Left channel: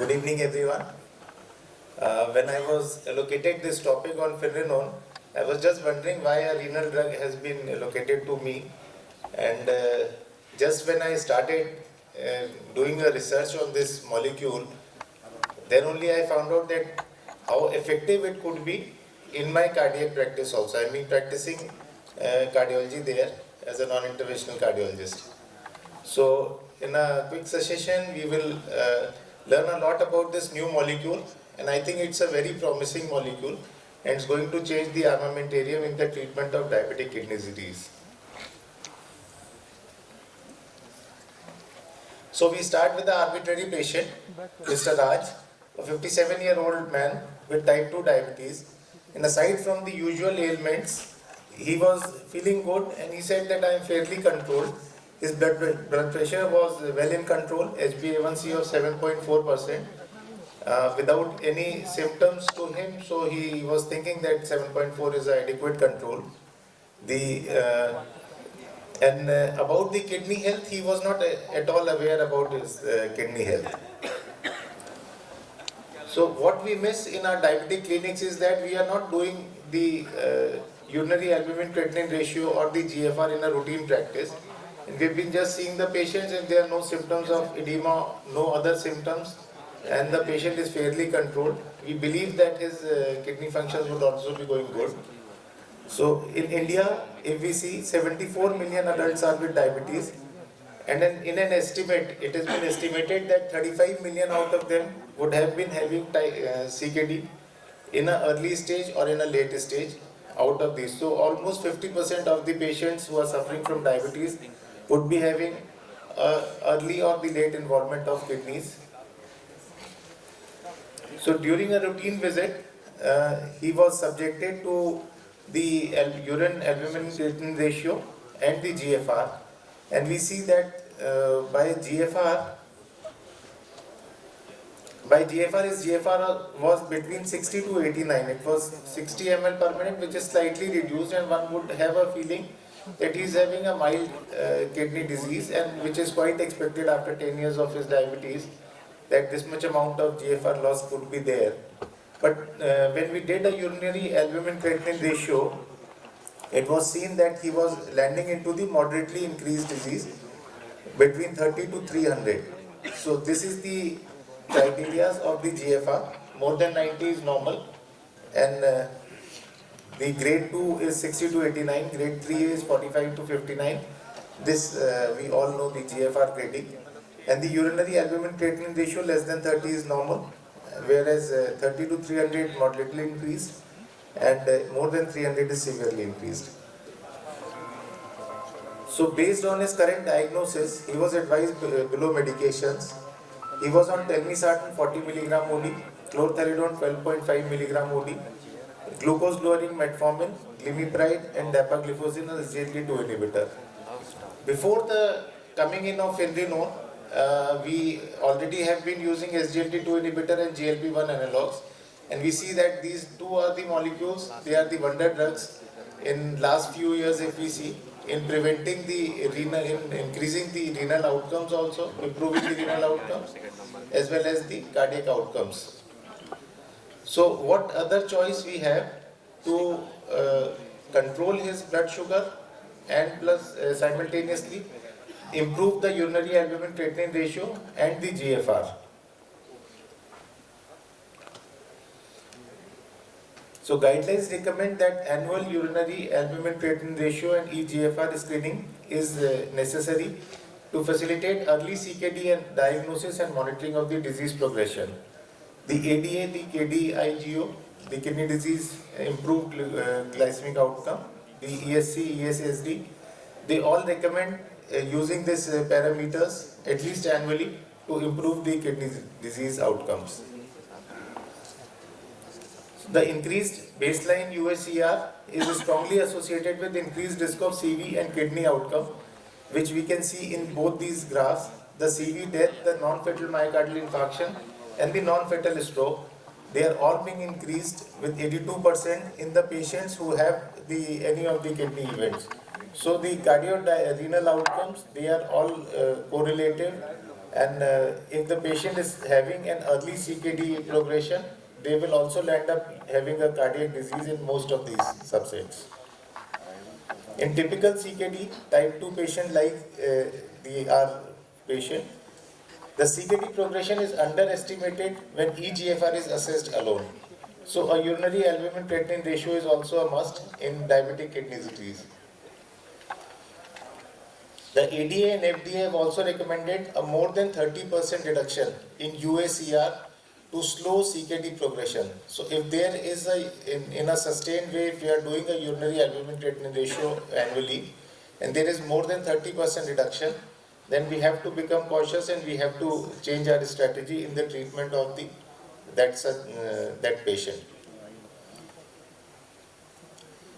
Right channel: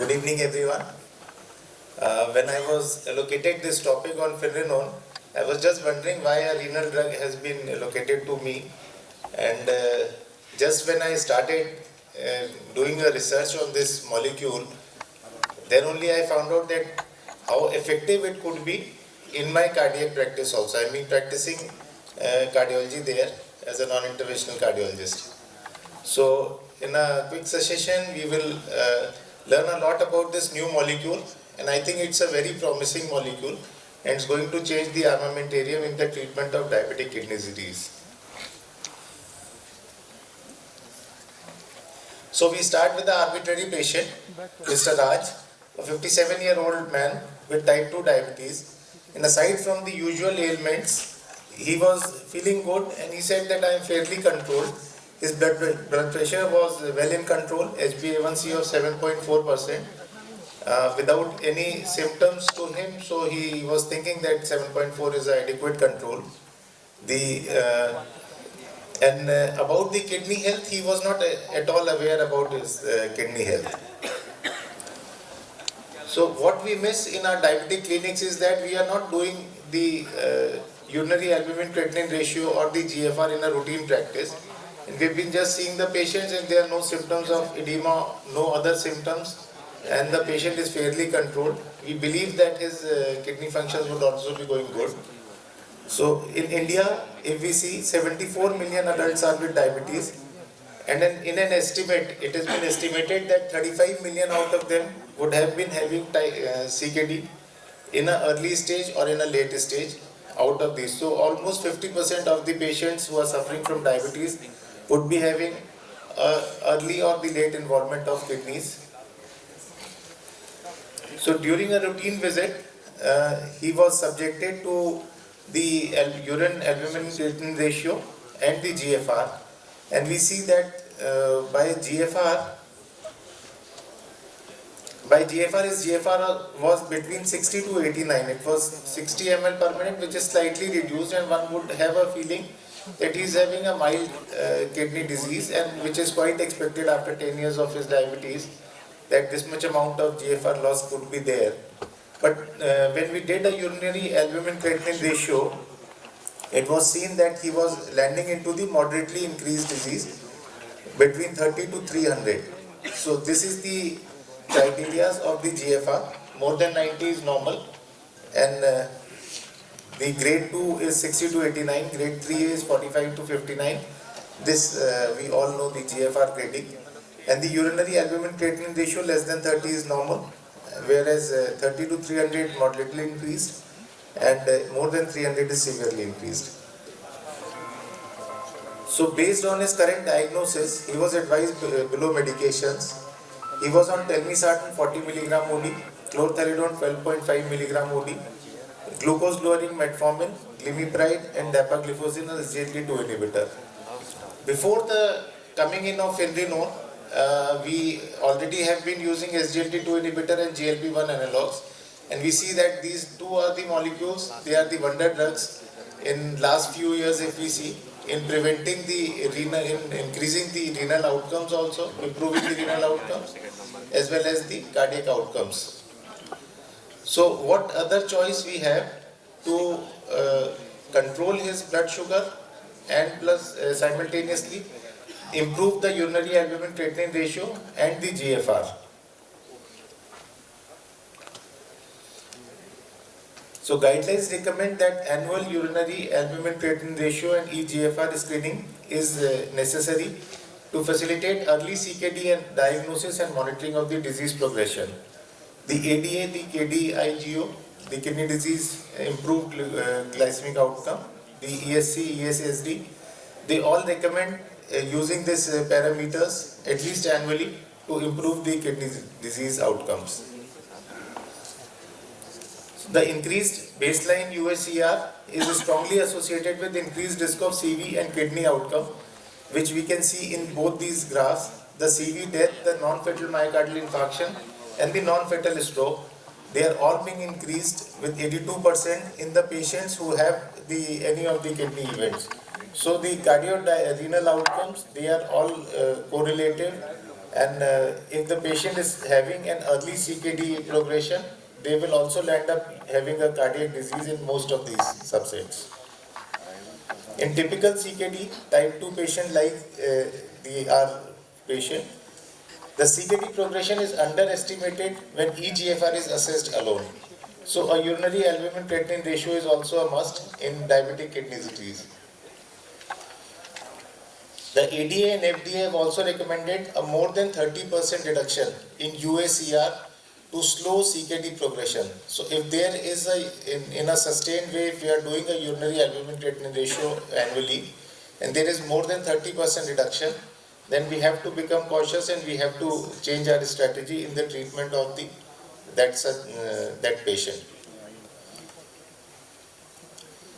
Good evening, everyone. When I was allocated this topic on Finerenone, I was just wondering why a renal drug has been allocated to me. And just when I started doing a research on this molecule, then only I found out that how effective it could be in my cardiac practice also. I mean, practicing cardiology there as a non-interventional cardiologist. So, in a quick session, we will learn a lot about this new molecule, and I think it's a very promising molecule, and it's going to change the armamentarium in the treatment of diabetic kidney disease. So, we start with the arbitrary patient, Mr. Raj, a 57-year-old man with type 2 diabetes. And aside from the usual ailments, he was feeling good, and he said that I am fairly controlled. His blood pressure was well in control, HbA1c of 7.4%, without any symptoms to him. So he was thinking that 7.4 is adequate control. About the kidney health, he was not at all aware about his kidney health. So what we miss in our diabetic clinics is that we are not doing the urinary albumin-creatinine ratio or the GFR in a routine practice. And we've been just seeing the patients and there are no symptoms of edema, no other symptoms, and the patient is fairly controlled. We believe that his kidney functions would also be going good. So in India, if we see 74 million adults are with diabetes, and in an estimate, it has been estimated that 35 million out of them would have been having CKD in an early stage or in a late stage out of these. So almost 50% of the patients who are suffering from diabetes would be having early or the late involvement of kidneys. So during a routine visit, he was subjected to the urine albumin-creatinine ratio and the GFR, and we see that by GFR his GFR was between 60 to 89. It was 60 ml per minute, which is slightly reduced, and one would have a feeling that he is having a mild kidney disease, and which is quite expected after 10 years of his diabetes, that this much amount of GFR loss could be there. But when we did a urinary albumin-creatinine ratio, it was seen that he was landing into the moderately increased disease between 30 to 300. So this is the criteria of the GFR. More than 90 is normal, and the grade 2 is 60 to 89, grade 3 is 45 to 59. This we all know the GFR grading. And the urinary albumin-creatinine ratio less than 30 is normal, whereas 30 to 300 moderately increased, and more than 300 is severely increased. So based on his current diagnosis, he was advised below medications. He was on telmisartan 40 mg OD, chlorthalidone 12.5 mg OD, glucose lowering metformin, glimepiride, and dapagliflozin, a SGLT2 inhibitor. Before the coming in of Finerenone, we already have been using SGLT2 inhibitor and GLP-1 analogs, and we see that these two are the molecules, they are the wonder drugs in last few years, if we see, in preventing the renal, in increasing the renal outcomes also, improving the renal outcomes, as well as the cardiac outcomes. So what other choice we have to control his blood sugar and plus simultaneously improve the urinary albumin-creatinine ratio and the GFR. So guidelines recommend that annual urinary albumin-creatinine ratio and eGFR screening is necessary to facilitate early CKD and diagnosis and monitoring of the disease progression. The ADA, the KDIGO, the kidney disease improved glycemic outcome, the ESC, ESSD, they all recommend using these parameters at least annually to improve the kidney disease outcomes. The increased baseline UACR is strongly associated with increased risk of CV and kidney outcome, which we can see in both these graphs. The CV death, the non-fatal myocardial infarction, and the non-fatal stroke, they are all being increased with 82% in the patients who have any of the kidney events. So the cardiorenal outcomes, they are all correlated And if the patient is having an early CKD progression, they will also end up having a cardiac disease in most of these subsets. In typical CKD, type 2 patient like our patient, the CKD progression is underestimated when eGFR is assessed alone. So a urinary albumin creatinine ratio is also a must in diabetic kidney disease. The ADA and FDA have also recommended a more than 30% reduction in UACR to slow CKD progression. So if there is in a sustained way, if we are doing a urinary albumin creatinine ratio annually, and there is more than 30% reduction, then we have to become cautious and we have to change our strategy in the treatment of that patient.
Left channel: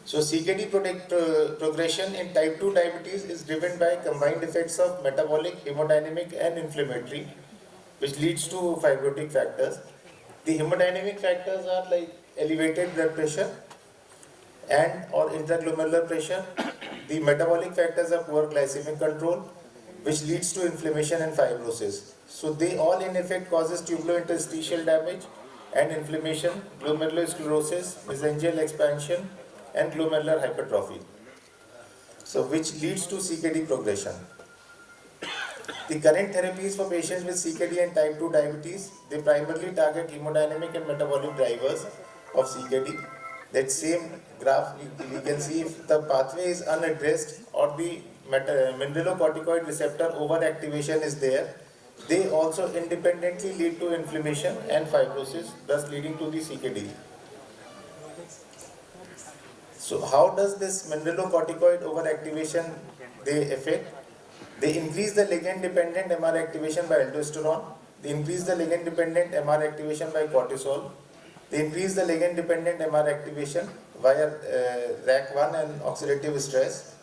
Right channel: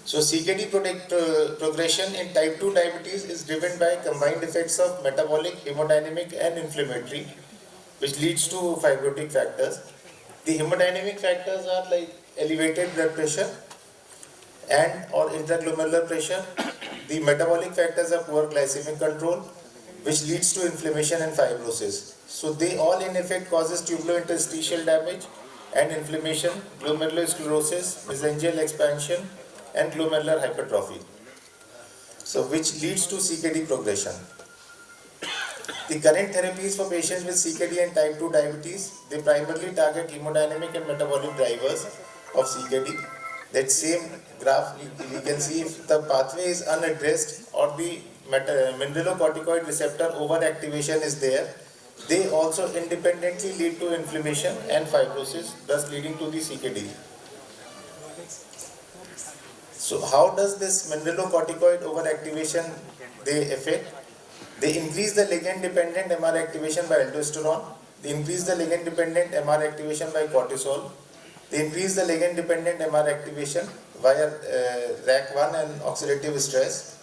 So CKD progression in type 2 diabetes is driven by combined effects of metabolic, hemodynamic and inflammatory, which leads to fibrotic factors. The hemodynamic factors are like elevated blood pressure and or intraglomerular pressure. The metabolic factors are poor glycemic control, which leads to inflammation and fibrosis. So they all in effect causes tubulointerstitial damage and inflammation, glomerulosclerosis, mesangial expansion and glomerular hypertrophy. So which leads to CKD progression. The current therapies for patients with CKD and type 2 diabetes, they primarily target hemodynamic and metabolic drivers of CKD. That same graph we can see if the pathway is unaddressed or the mineralocorticoid receptor overactivation is there, they also independently lead to inflammation and fibrosis, thus leading to the CKD. So how does this mineralocorticoid overactivation they affect? They increase the ligand-dependent MR activation by aldosterone. They increase the ligand-dependent MR activation by cortisol. They increase the ligand-dependent MR activation via RAC1 and oxidative stress,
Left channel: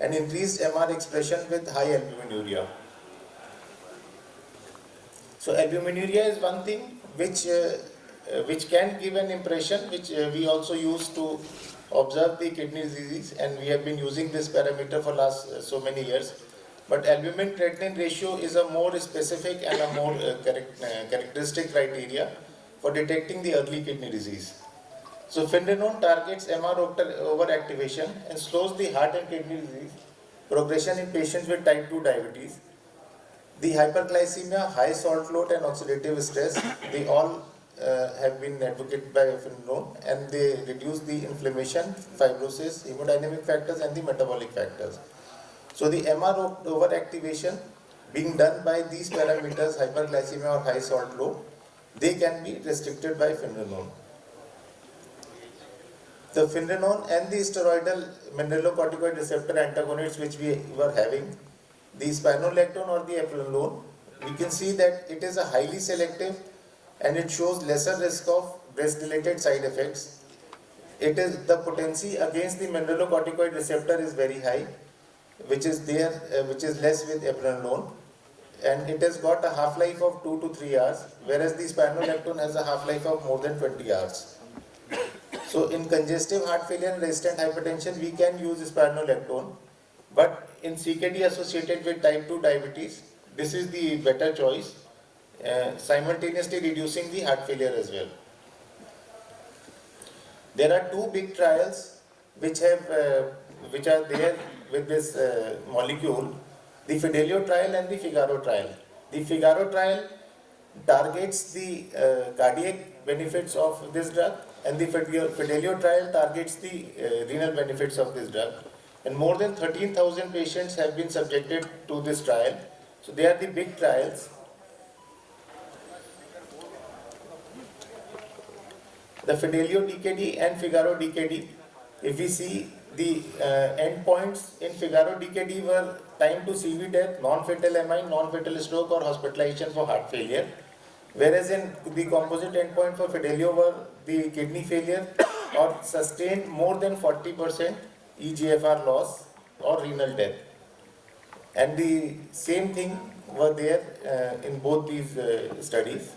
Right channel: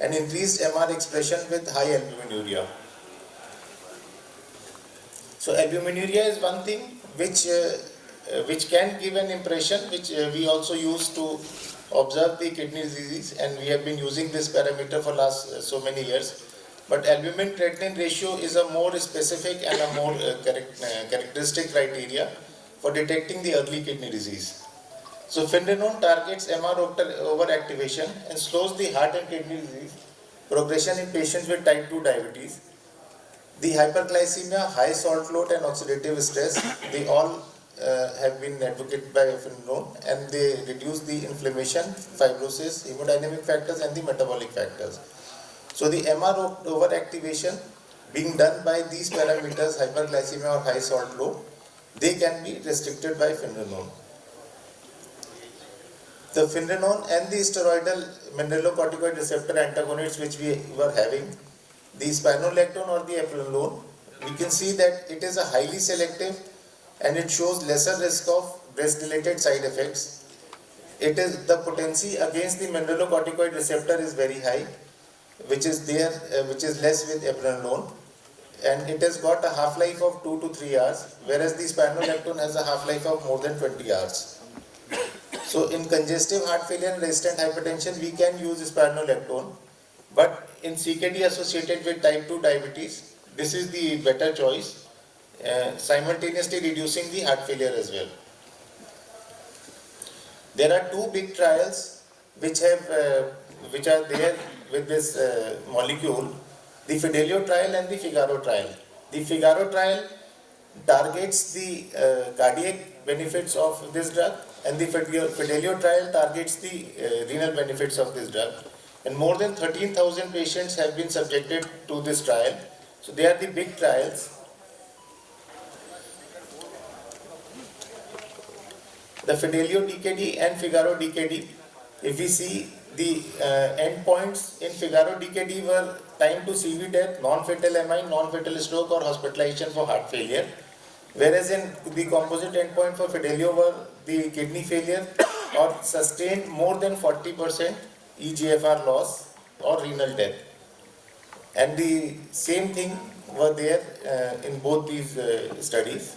and increased MR expression with high albuminuria. So albuminuria is one thing which can give an impression, which we also use to observe the kidney disease, and we have been using this parameter for last so many years. But albumin creatinine ratio is a more specific and a more characteristic criteria for detecting the early kidney disease. So finerenone targets MR overactivation and slows the heart and kidney disease progression in patients with type 2 diabetes. The hyperglycemia, high salt load and oxidative stress, they all have been advocated by finerenone, and they reduce the inflammation, fibrosis, hemodynamic factors and the metabolic factors. So the MR overactivation being done by these parameters, hyperglycemia or high salt load, they can be restricted by finerenone. The finerenone and the steroidal mineralocorticoid receptor antagonists which we were having, the spironolactone or the eplerenone, we can see that it is a highly selective and it shows lesser risk of breast-related side effects. It is the potency against the mineralocorticoid receptor is very high, which is less with eplerenone, and it has got a half-life of 2 to 3 hours, whereas the spironolactone has a half-life of more than 20 hours. So in congestive heart failure and resistant hypertension, we can use spironolactone, but in CKD associated with type 2 diabetes, this is the better choice, simultaneously reducing the heart failure as well. There are two big trials which are there with this molecule, the Fidelio trial and the Figaro trial. The Figaro trial targets the cardiac benefits of this drug, and the Fidelio trial targets the renal benefits of this drug. And more than 13,000 patients have been subjected to this trial. So they are the big trials. The Fidelio DKD and Figaro DKD, if we see the endpoints in Figaro DKD were time to CV death, non-fatal MI, non-fatal stroke or hospitalization for heart failure. Whereas in the composite endpoint for Fidelio were the kidney failure or sustained more than 40% eGFR loss or renal death. And the same thing were there in both these studies.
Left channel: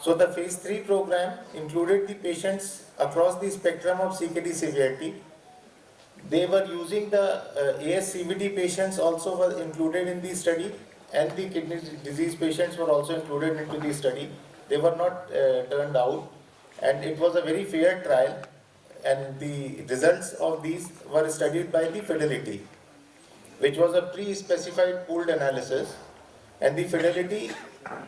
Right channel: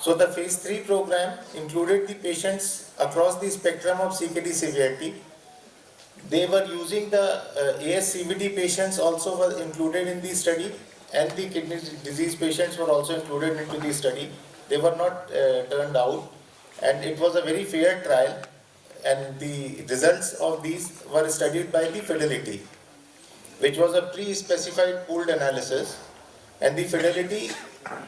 So the phase 3 program included the patients across the spectrum of CKD severity. They were using the ASCVD patients also were included in the study, and the kidney disease patients were also included into the study. They were not turned out, and it was a very fair trial, and the results of these were studied by the Fidelity, which was a pre-specified pooled analysis, and the Fidelity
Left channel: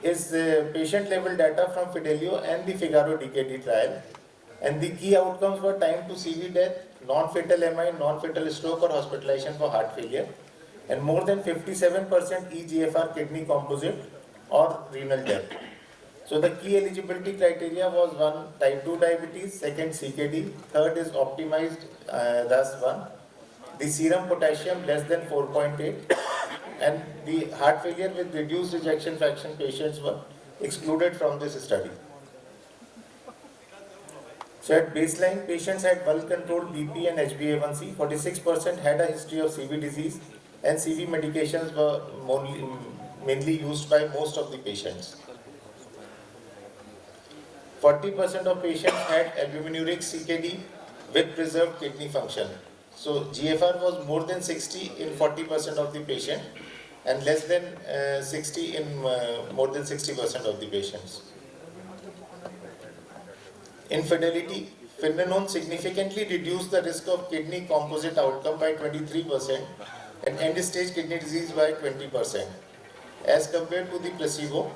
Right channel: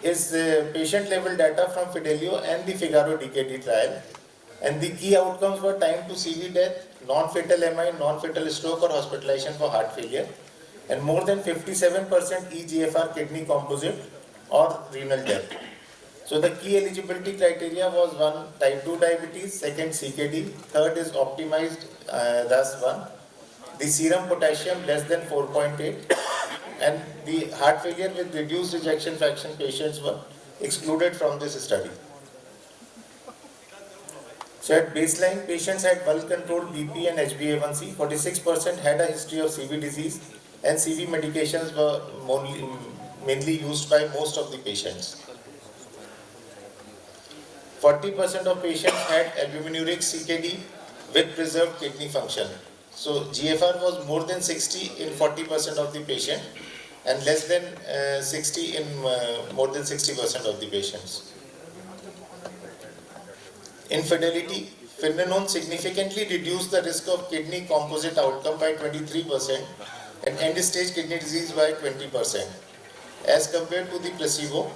is patient-level data from Fidelio and the Figaro DKD trial, and the key outcomes were time to CV death, non-fatal MI, non-fatal stroke or hospitalization for heart failure, and more than 57% eGFR kidney composite or renal death. So the key eligibility criteria was one, type 2 diabetes, second CKD, third is optimized thus one, the serum potassium less than 4.8, and the heart failure with reduced ejection fraction patients were excluded from this study. So at baseline, patients had well-controlled BP and HbA1c. 46% had a history of CV disease, and CV medications were mainly used by most of the patients. 40% of patients had albuminuric CKD with preserved kidney function. So GFR was more than 60 in 40% of the patient and less than 60 in more than 60% of the patients. In Fidelity, Finerenone significantly reduced the risk of kidney composite outcome by 23% and end-stage kidney disease by 20%. As compared to the placebo,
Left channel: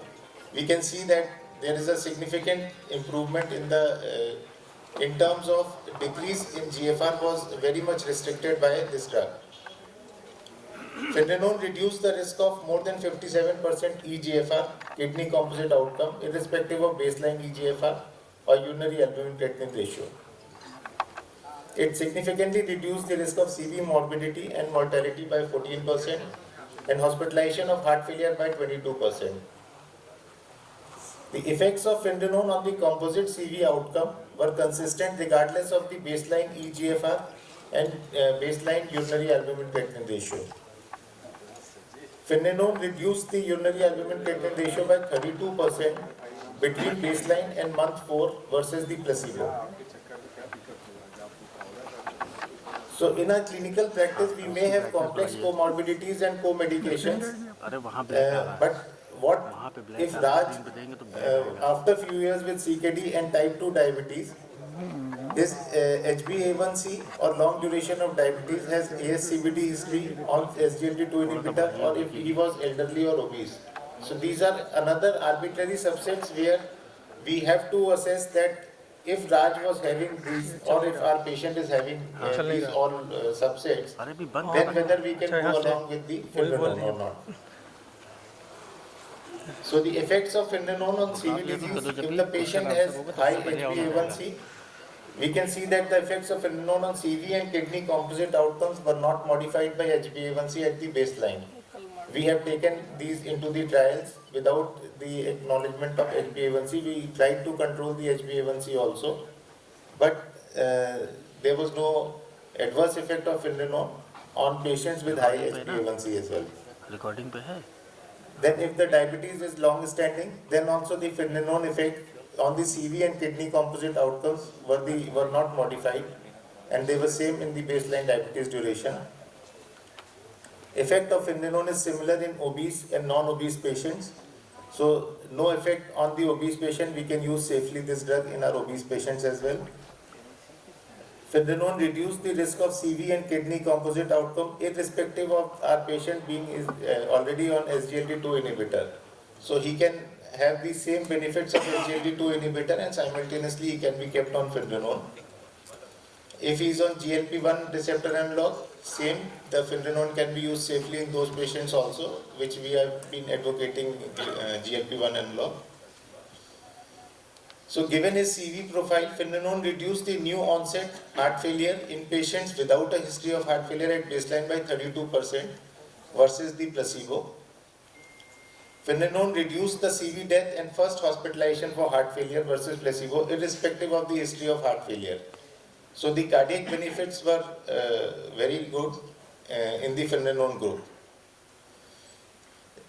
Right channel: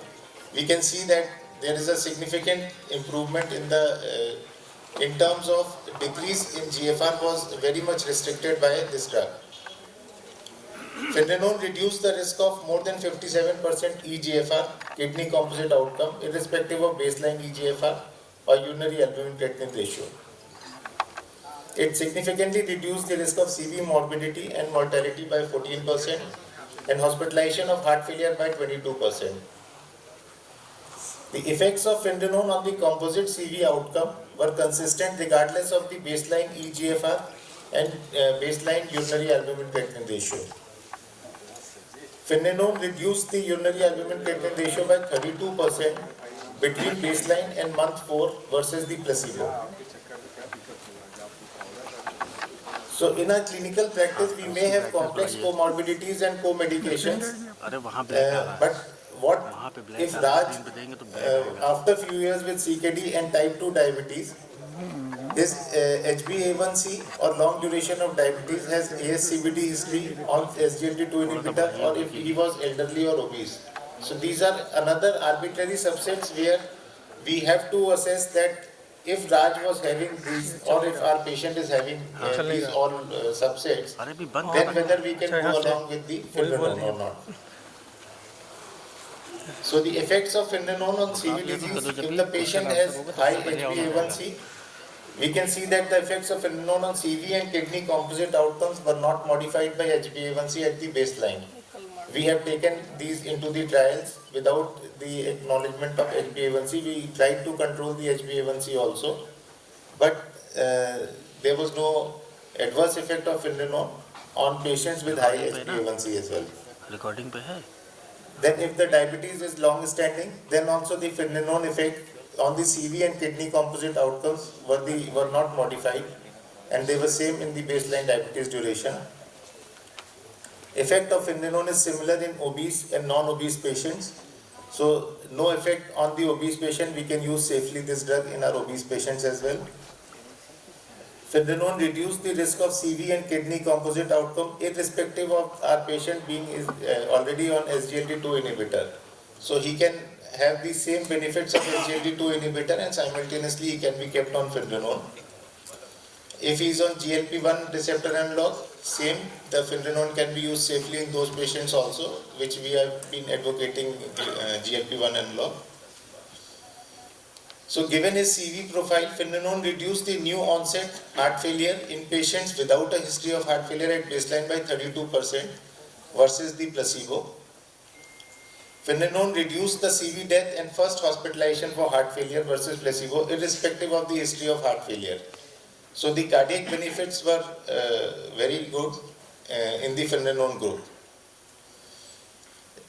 we can see that there is a significant improvement in terms of decrease in GFR was very much restricted by this drug. Finerenone reduced the risk of more than 57% eGFR kidney composite outcome irrespective of baseline eGFR or urinary albumin creatinine ratio. It significantly reduced the risk of CV morbidity and mortality by 14% and hospitalization of heart failure by 22%. The effects of Finerenone on the composite CV outcome were consistent regardless of the baseline eGFR and baseline urinary albumin creatinine ratio. Finerenone reduced the urinary albumin creatinine ratio by 32% between baseline and month 4 versus the placebo. So in our clinical practice, we may have complex comorbidities and co-medications, but what if Raj, after few years with CKD and type 2 diabetes, this HbA1c or long duration of diabetes has ASCVD history on SGLT2 inhibitor, or if he was elderly or obese. So these are another arbitrary subsets where we have to assess that if Raj was having these or if our patient is having these all subsets, then whether we can go along with the Finerenone or not. So the effects of Finerenone on CV disease, if the patient has high HbA1c, we can see that the effects of Finerenone on CV and kidney composite outcomes were not modified by HbA1c at the baseline. We have taken these into the trials without the acknowledgement of HbA1c. We tried to control the HbA1c also, but there was no adverse effect of Finerenone on patients with high HbA1c as well. Recording पे है. Then if the diabetes is long standing, then also the Finerenone effect on the CV and kidney composite outcomes were not modified, and they were same in the baseline diabetes duration. Effect of Finerenone is similar in obese and non-obese patients. So no effect on the obese patient. We can use safely this drug in our obese patients as well. Finerenone reduced the risk of CV and kidney composite outcome irrespective of our patient being already on SGLT2 inhibitor. So he can have the same benefits of SGLT2 inhibitor and simultaneously he can be kept on Finerenone. If he is on GLP-1 receptor analog, same, the Finerenone can be used safely in those patients also, which we have been advocating GLP-1 analog. So given his CV profile, Finerenone reduced the new onset heart failure in patients without a history of heart failure at baseline by 32% versus the placebo. Finerenone reduced the CV death and first hospitalization for heart failure versus placebo irrespective of the history of heart failure. So the cardiac benefits were very good in the Finerenone group.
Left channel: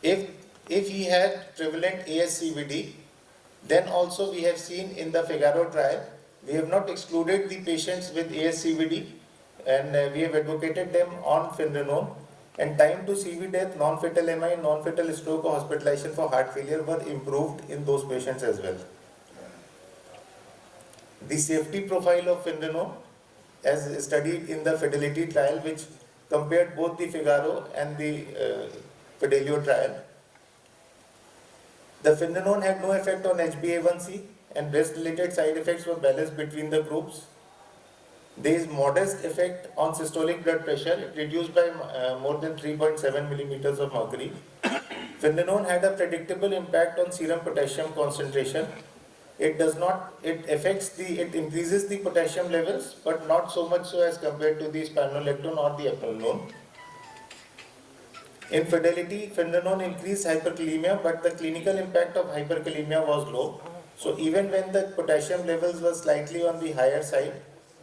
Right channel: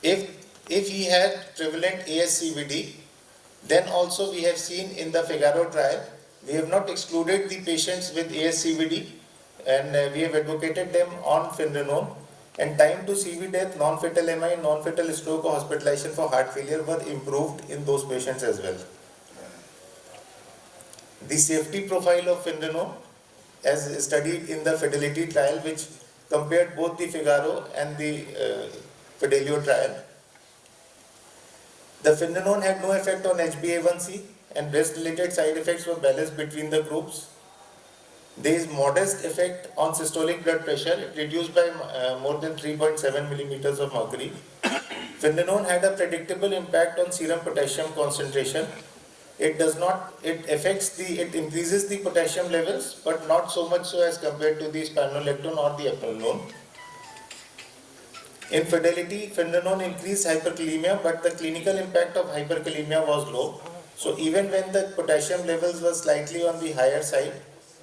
If he had prevalent ASCVD, then also we have seen in the Figaro trial, we have not excluded the patients with ASCVD and we have advocated them on Finerenone, and time to CV death, non-fatal MI, non-fatal stroke or hospitalization for heart failure were improved in those patients as well. The safety profile of Finerenone, as studied in the Fidelity trial, which compared both the Figaro and the Fidelio trial. The Finerenone had no effect on HbA1c, and breast-related side effects were balanced between the groups. There is modest effect on systolic blood pressure. It reduced by more than 3.7 millimeters of mercury. Finerenone had a predictable impact on serum potassium concentration. It increases the potassium levels, but not so much so as compared to the spironolactone or the eplerenone. In Fidelity, Finerenone increased hyperkalemia, but the clinical impact of hyperkalemia was low. So even when the potassium levels were slightly on the higher side,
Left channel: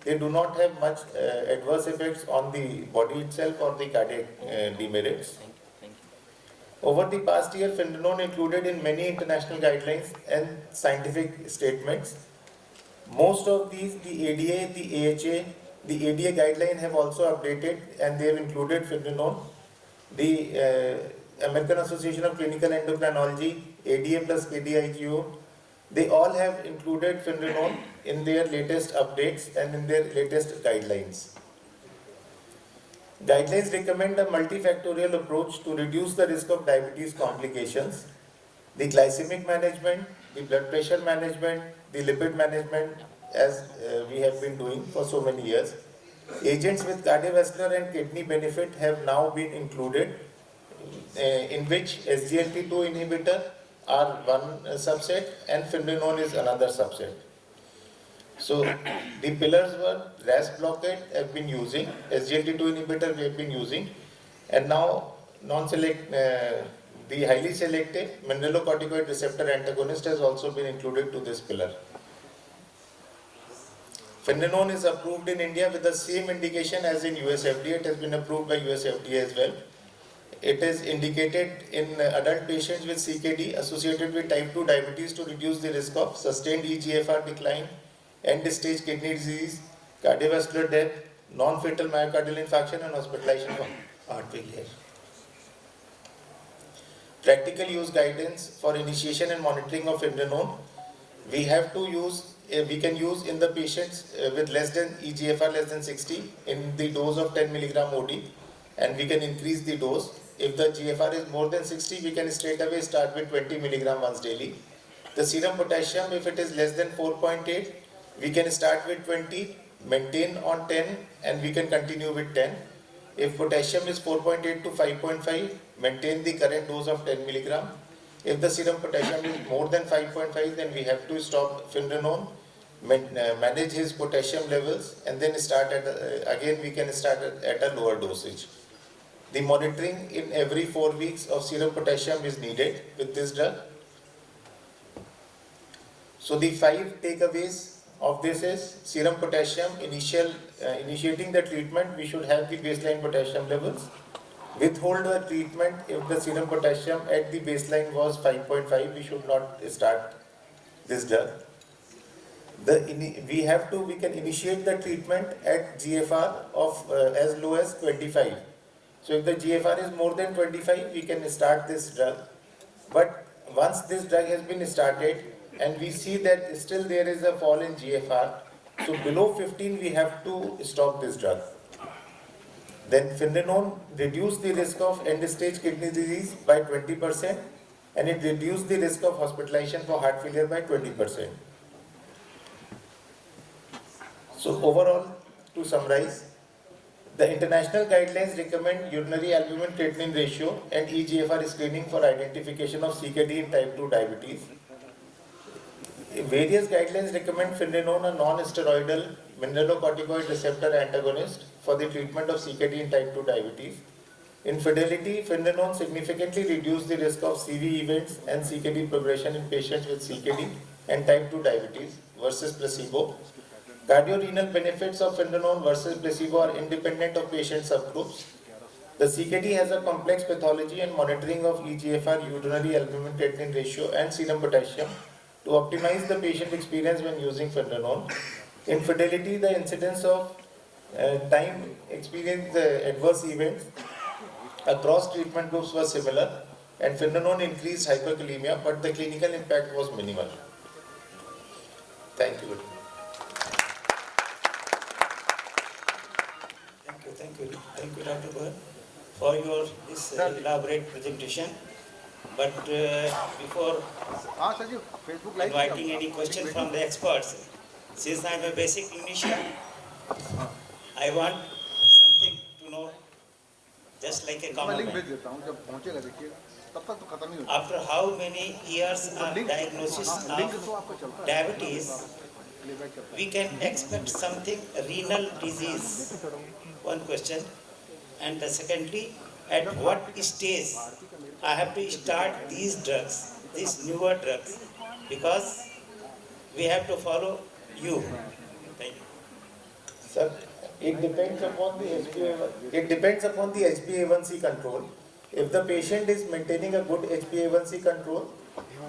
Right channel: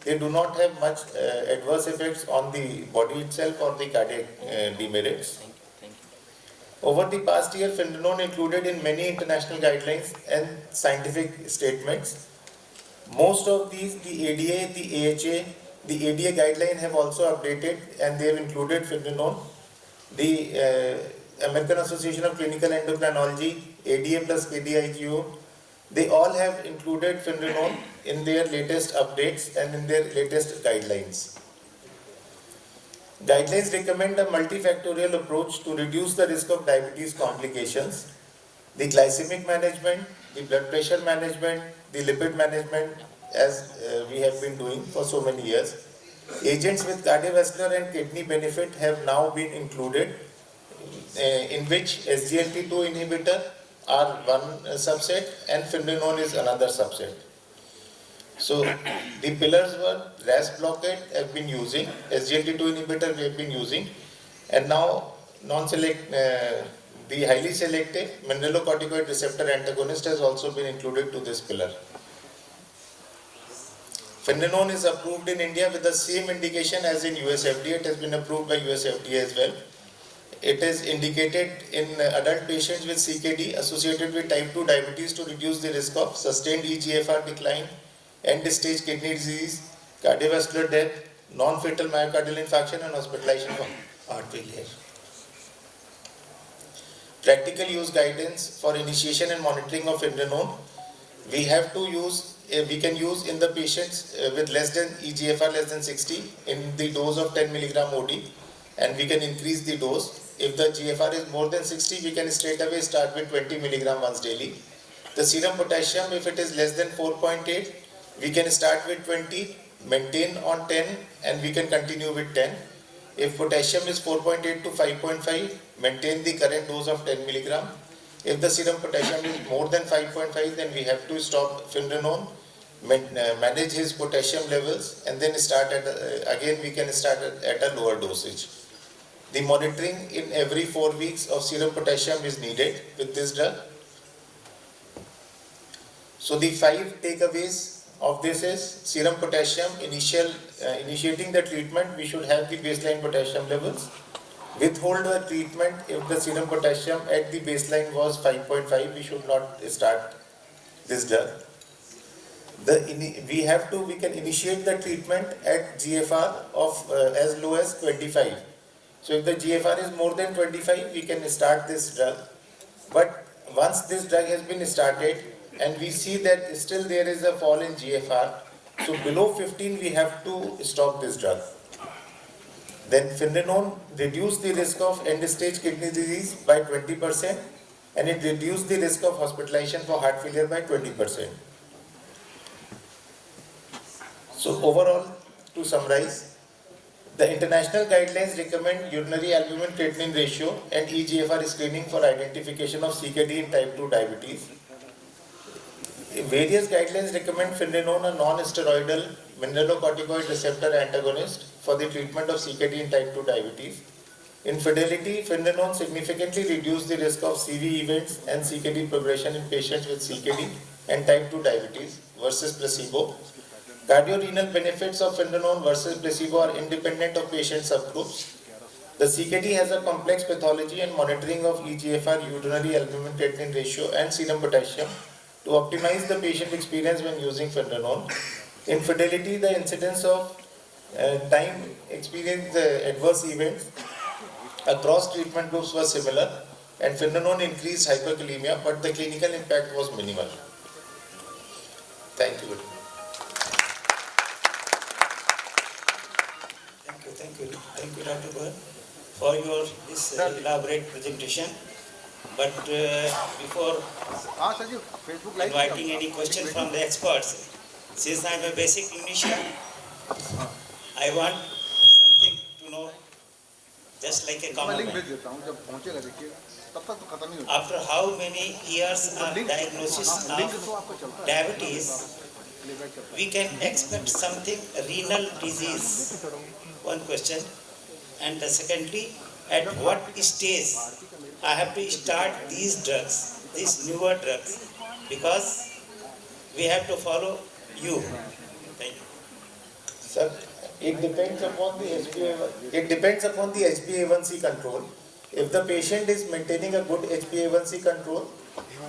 they do not have much adverse effects on the body itself or the cardiac demerits. Over the past year, Finerenone included in many international guidelines and scientific statements. Most of these, the ADA, the AHA, the ADA guideline have also updated, and they have included Finerenone. The American Association of Clinical Endocrinology, ADA plus KDIGO, they all have included Finerenone in their latest updates and in their latest guidelines. Guidelines recommend a multifactorial approach to reduce the risk of diabetes complications. The glycemic management, the blood pressure management, the lipid management, as we have been doing for so many years. Agents with cardiovascular and kidney benefit have now been included, in which SGLT2 inhibitor are one subset and Finerenone is another subset. So the pillars were RAS blockade have been using, SGLT2 inhibitor we have been using, and now the highly selective mineralocorticoid receptor antagonist has also been included to this pillar. Finerenone is approved in India with the same indication as in US FDA. It has been approved by US FDA as well. It is indicated in adult patients with CKD associated with type 2 diabetes to reduce the risk of sustained EGFR decline, end-stage kidney disease, cardiovascular death, non-fatal myocardial infarction, and hospitalization for heart failure. Practical use guidance for initiation and monitoring of Finerenone. We can use in the patients with less than EGFR less than 60 in the dose of 10 milligram OD, and we can increase the dose. If the GFR is more than 60, we can straight away start with 20 milligram once daily. The serum potassium, if it is less than 4.8, we can start with 20, maintain on 10, and we can continue with 10. If potassium is 4.8 to 5.5, maintain the current dose of 10 milligram. If the serum potassium is more than 5.5, then we have to stop Finerenone, manage his potassium levels, and then start again we can start at a lower dosage. The monitoring in every 4 weeks of serum potassium is needed with this drug. So the 5 takeaways of this is serum potassium, initiating the treatment, we should have the baseline potassium levels. Withhold the treatment if the serum potassium at the baseline was 5.5, we should not start this drug. We can initiate the treatment at GFR of as low as 25. So if the GFR is more than 25, we can start this drug. But once this drug has been started and we see that still there is a fall in GFR, so below 15 we have to stop this drug. Then Finerenone reduced the risk of end-stage kidney disease by 20%, and it reduced the risk of hospitalization for heart failure by 20%. So overall, to summarize, the international guidelines recommend urinary albumin-creatinine ratio and eGFR screening for identification of CKD in type 2 diabetes. Various guidelines recommend Finerenone, a non-steroidal mineralocorticoid receptor antagonist, for the treatment of CKD in type 2 diabetes. In Fidelity, Finerenone significantly reduced the risk of CV events and CKD progression in patients with CKD and type 2 diabetes versus placebo. Cardiorenal benefits of Finerenone versus placebo are independent of patient subgroups. The CKD has a complex pathology, and monitoring of eGFR, urinary albumin-creatinine ratio, and serum potassium to optimize the patient experience when using Finerenone. In Fidelity, the incidence of Time experienced adverse events across treatment groups were similar, and Finerenone increased hyperkalemia, but the clinical impact was minimal. Thank you. Thank you, Dr. Goel, for your this elaborate presentation. But before inviting any question from the experts, since I am a basic clinician, I want something to know, just like a common man. After how many years of diagnosis of diabetes, we can expect something renal disease? One question. And secondly, at what stage I have to start these drugs, these newer drugs, because we have to follow you. Thank you. Sir, it depends upon the HbA1c control. If the patient is maintaining a good HbA1c control,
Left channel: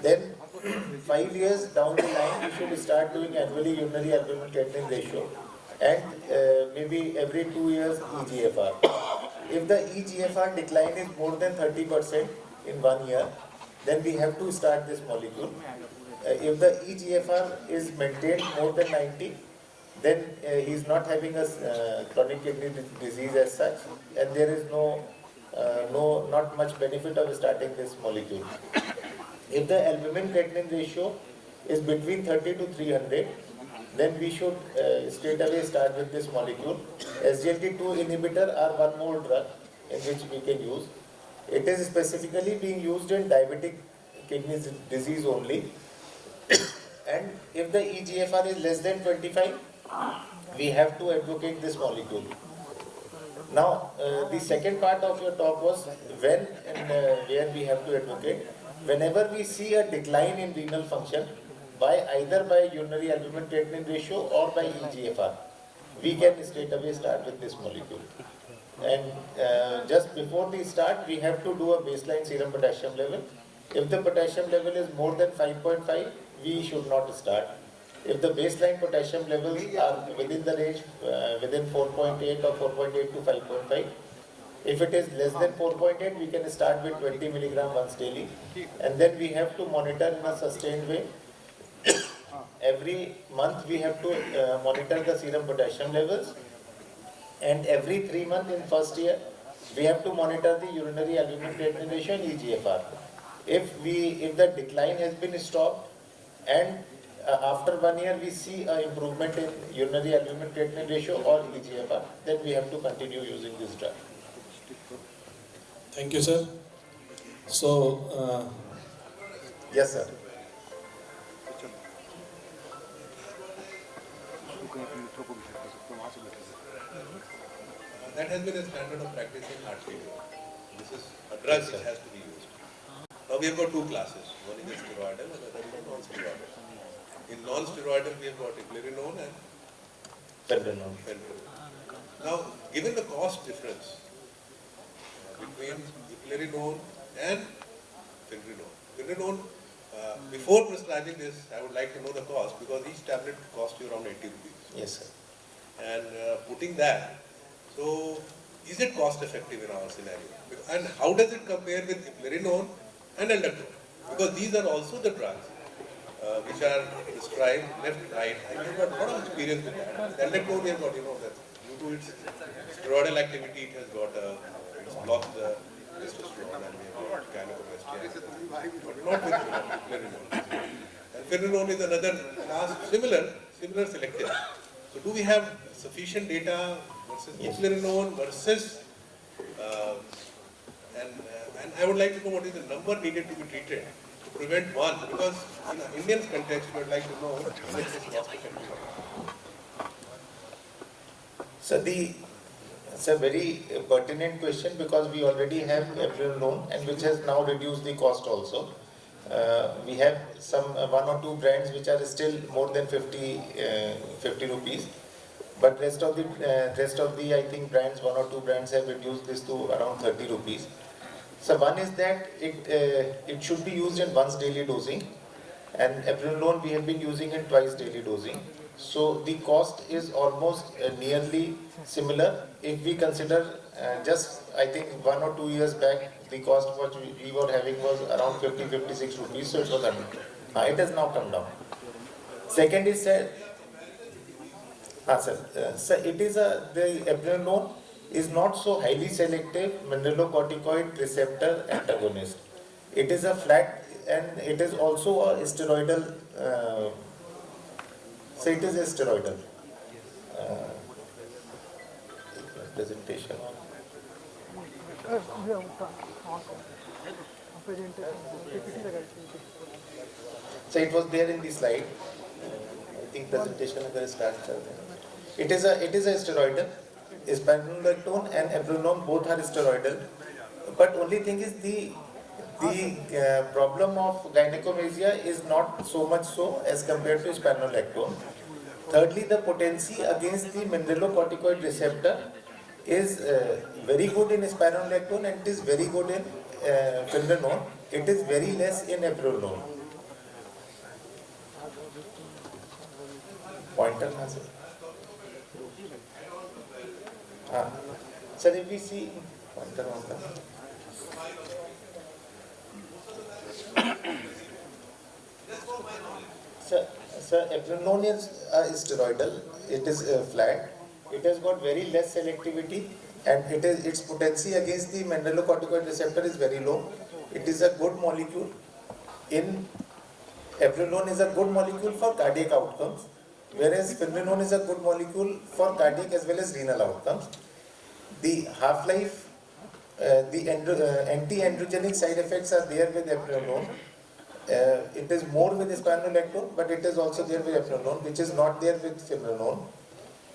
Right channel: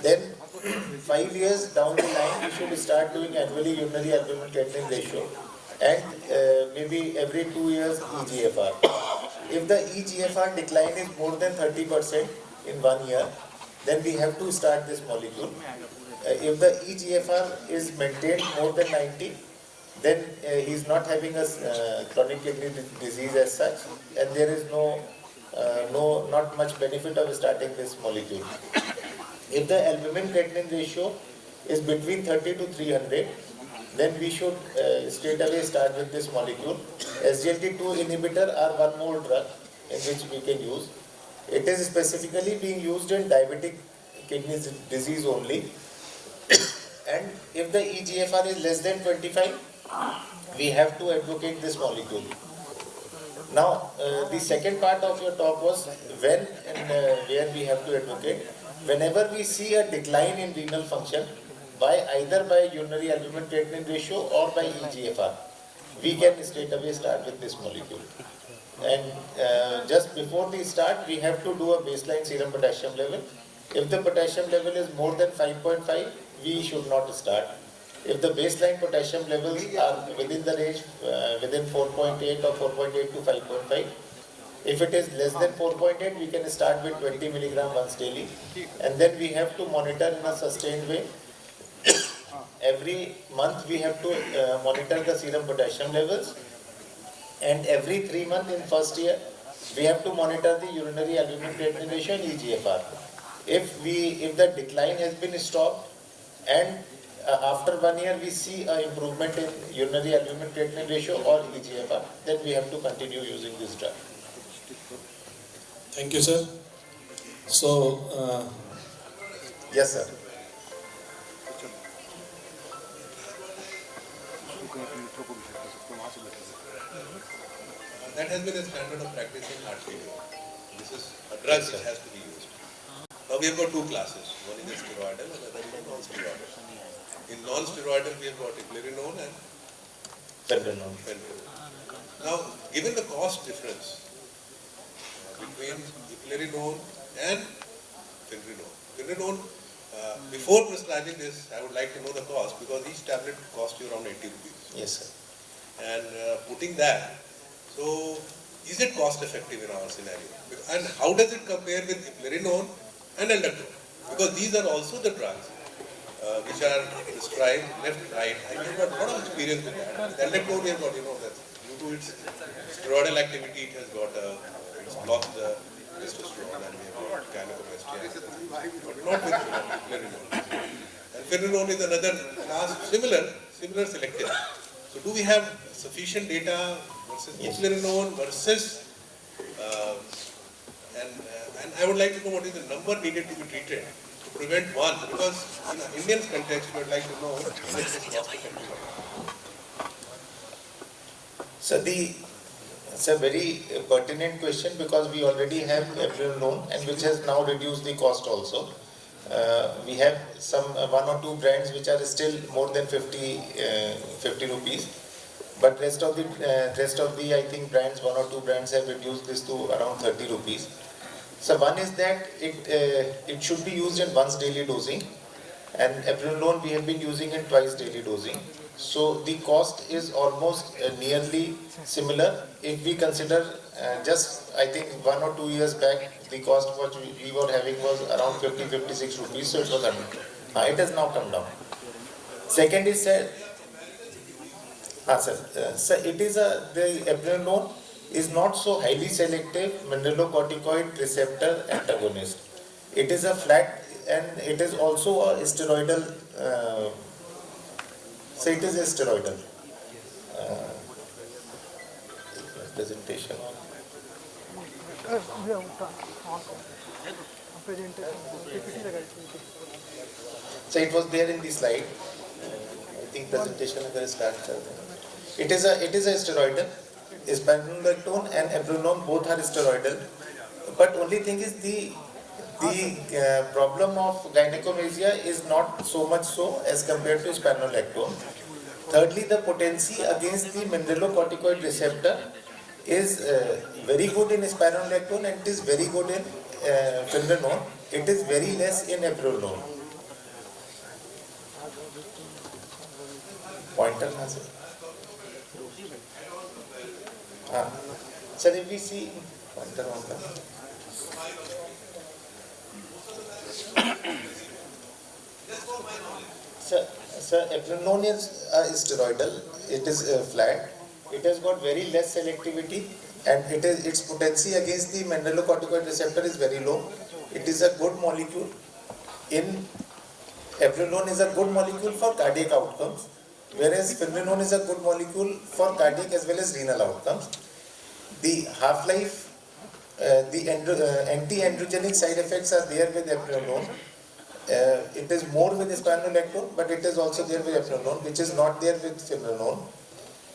then 5 years down the line, we should start doing annually urinary albumin creatinine ratio, and maybe every 2 years EGFR. If the EGFR decline is more than 30% in 1 year, then we have to start this molecule. If the EGFR is maintained more than 90, then he is not having a chronic kidney disease as such, and there is not much benefit of starting this molecule. If the albumin creatinine ratio is between 30 to 300, then we should straight away start with this molecule. SGLT2 inhibitor are one more drug in which we can use. It is specifically being used in diabetic kidney disease only. And if the EGFR is less than 25, we have to advocate this molecule. Now, the second part of your talk was when and where we have to advocate. Whenever we see a decline in renal function, either by urinary albumin creatinine ratio or by EGFR, we can straight away start with this molecule. And just before we start, we have to do a baseline serum potassium level. If the potassium level is more than 5.5, we should not start. If the baseline potassium levels are within the range, within 4.8 or 4.8 to 5.5, if it is less than 4.8, we can start with 20 milligram once daily. And then we have to monitor in a sustained way. Every month we have to monitor the serum potassium levels. And every 3 months in first year, we have to monitor the urinary albumin creatinine ratio and EGFR. If the decline has been stopped and after 1 year we see an improvement in urinary albumin creatinine ratio or EGFR, then we have to continue using this drug. Thank you, sir. So, yes, sir. That has been a standard of practice in heart failure. This is a drug which has to be used. Now we have got two classes. One is steroidal and another is non-steroidal. In non-steroidal we have got eplerenone and Finerenone. Now, given the cost difference between eplerenone and Finerenone, before prescribing this, I would like to know the cost, because each tablet costs you around 80 rupees. Yes, sir. And putting that, so is it cost effective in our scenario? And how does it compare with eplerenone and aldactone? Because these are also the drugs which are prescribed left, right, and we have got a lot of experience with that. Aldactone, we have got, that due to its steroidal activity, it has got it's blocked the testosterone, and we have got gynecomastia, but not with eplerenone. And Finerenone is another class, similar selective. So do we have sufficient data versus eplerenone versus, and I would like to know what is the number needed to be treated to prevent one, because in an Indian context we would like to know what is cost effective. So it's a very pertinent question, because we already have eplerenone, and which has now reduced the cost also. We have some 1 or 2 brands which are still more than 50 rupees, but rest of the I think brands, 1 or 2 brands have reduced this to around 30 rupees. So one is that it should be used in once daily dosing, and eplerenone we have been using in twice daily dosing. So the cost is almost nearly similar. If we consider just, I think 1 or 2 years back, the cost what we were having was around 56 rupees, so it was under. It has now come down. Second is sir, it is the eplerenone is not so highly selective mineralocorticoid receptor antagonist. It is a flat and it is also a steroidal. So it is a steroidal presentation. So it was there in the slide. I think presentation agar start kar deं. It is a steroidal. Spironolactone and eplerenone both are steroidal. But only thing is the problem of gynecomastia is not so much so as compared to spironolactone. Thirdly, the potency against the mineralocorticoid receptor is very good in spironolactone and it is very good in finerenone. It is very less in eplerenone. Pointer has it. Sir, if we see pointer on that. Sir, eplerenone is steroidal. It is flat. It has got very less selectivity, and its potency against the mineralocorticoid receptor is very low. It is a good molecule. Eplerenone is a good molecule for cardiac outcomes, whereas finerenone is a good molecule for cardiac as well as renal outcomes. The half-life, the anti-androgenic side effects are there with eplerenone. It is more with spironolactone, but it is also there with eplerenone, which is not there with finerenone.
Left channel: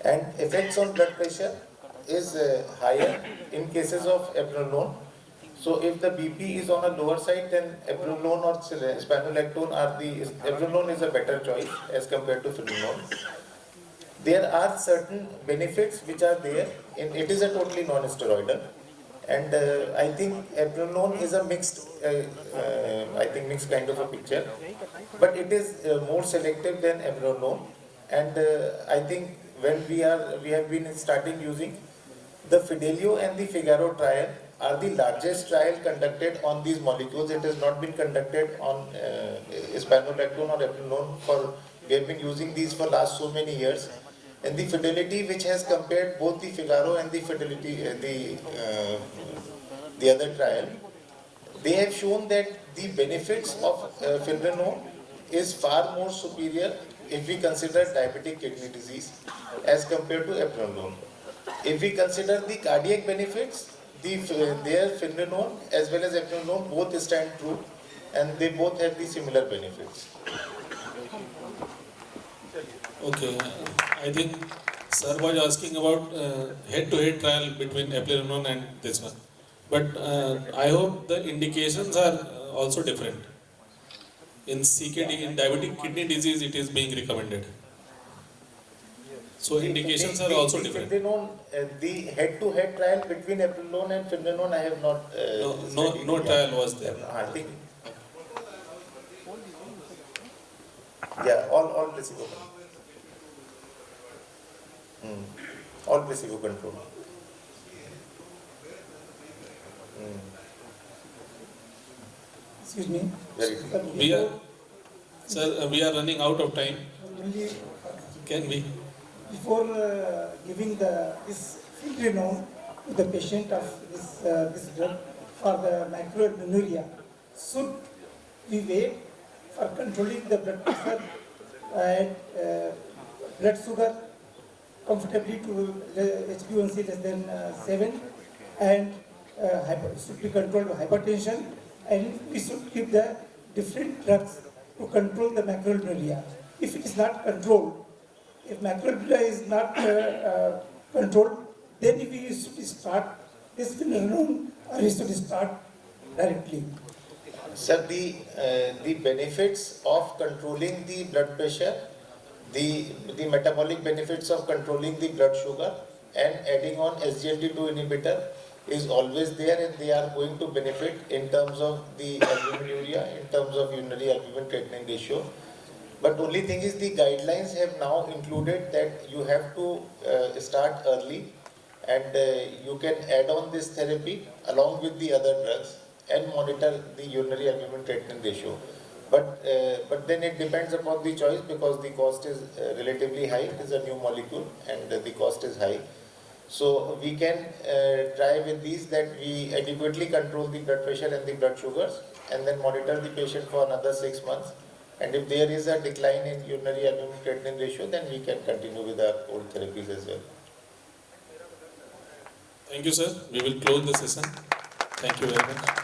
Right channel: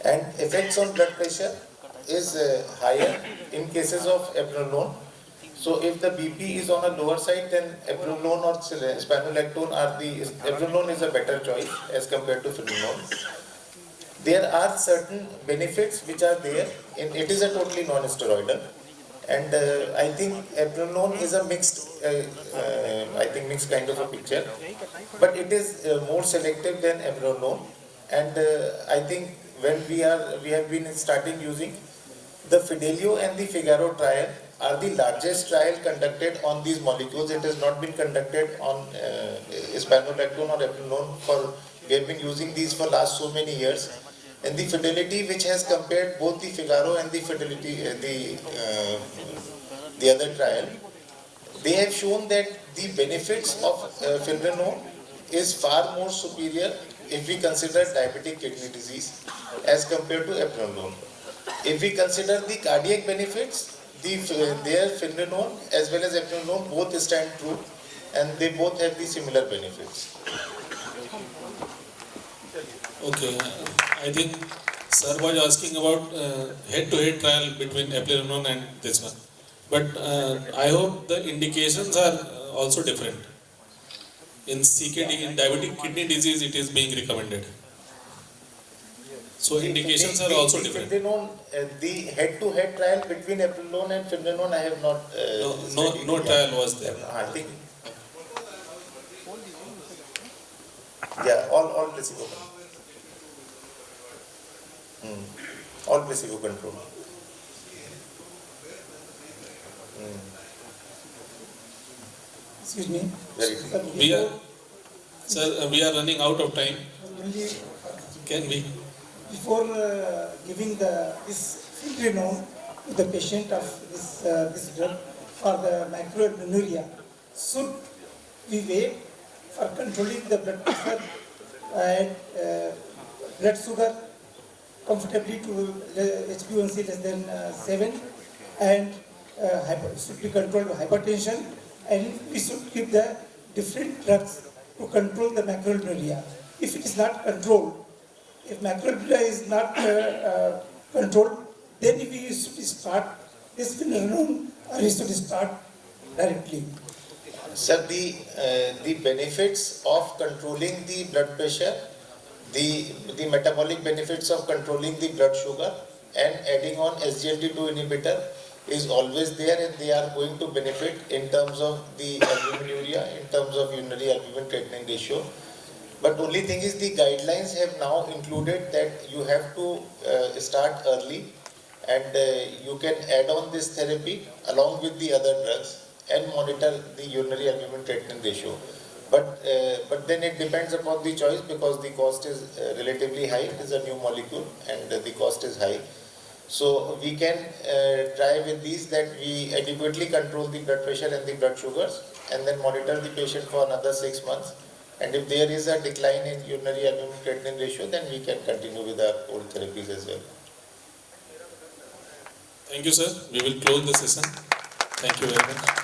And effects on blood pressure is higher in cases of eplerenone. So if the BP is on a lower side, then eplerenone or spironolactone eplerenone is a better choice as compared to finerenone. There are certain benefits which are there. It is a totally non-steroidal. And I think eplerenone is a mixed kind of a picture, but it is more selective than eplerenone. And I think when we have been starting using the Fidelio and the Figaro trial are the largest trial conducted on these molecules. It has not been conducted on spironolactone or eplerenone. We have been using these for last so many years. And the Fidelity, which has compared both the Figaro and the Fidelity, the other trial, they have shown that the benefits of finerenone is far more superior if we consider diabetic kidney disease as compared to eplerenone. If we consider the cardiac benefits, their finerenone as well as eplerenone both stand true, and they both have the similar benefits. Okay, I think sir was asking about head-to-head trial between eplerenone and this one. But I hope the indications are also different. In CKD, in diabetic kidney disease, it is being recommended. So indications are also different. The head-to-head trial between eplerenone and finerenone, I have not. No trial was there. I think. Yeah, all placebo. All placebo control. Excuse me. Very good. We are running out of time. Only Can we? before giving this finerenone to the patient of this drug for the microalbuminuria, should we wait for controlling the blood pressure and blood sugar comfortably to HbA1c less than 7, and should be controlled hypertension, and we should give the different drugs to control the macroalbuminuria. If it is not controlled, if macroalbuminuria is not controlled, then we should start this finerenone, or we should start directly. Sir, the benefits of controlling the blood pressure, the metabolic benefits of controlling the blood sugar and adding on SGLT2 inhibitor is always there, and they are going to benefit in terms of the albuminuria, in terms of urinary albumin creatinine ratio. But only thing is the guidelines have now included that you have to start early and you can add on this therapy along with the other drugs and monitor the urinary albumin creatinine ratio. But then it depends upon the choice because the cost is relatively high. It is a new molecule and the cost is high. So we can try with these that we adequately control the blood pressure and the blood sugars and then monitor the patient for another 6 months. And if there is a decline in urinary albumin creatinine ratio, then we can continue with our old therapies as well. Thank you, sir. We will close the session. Thank you very much.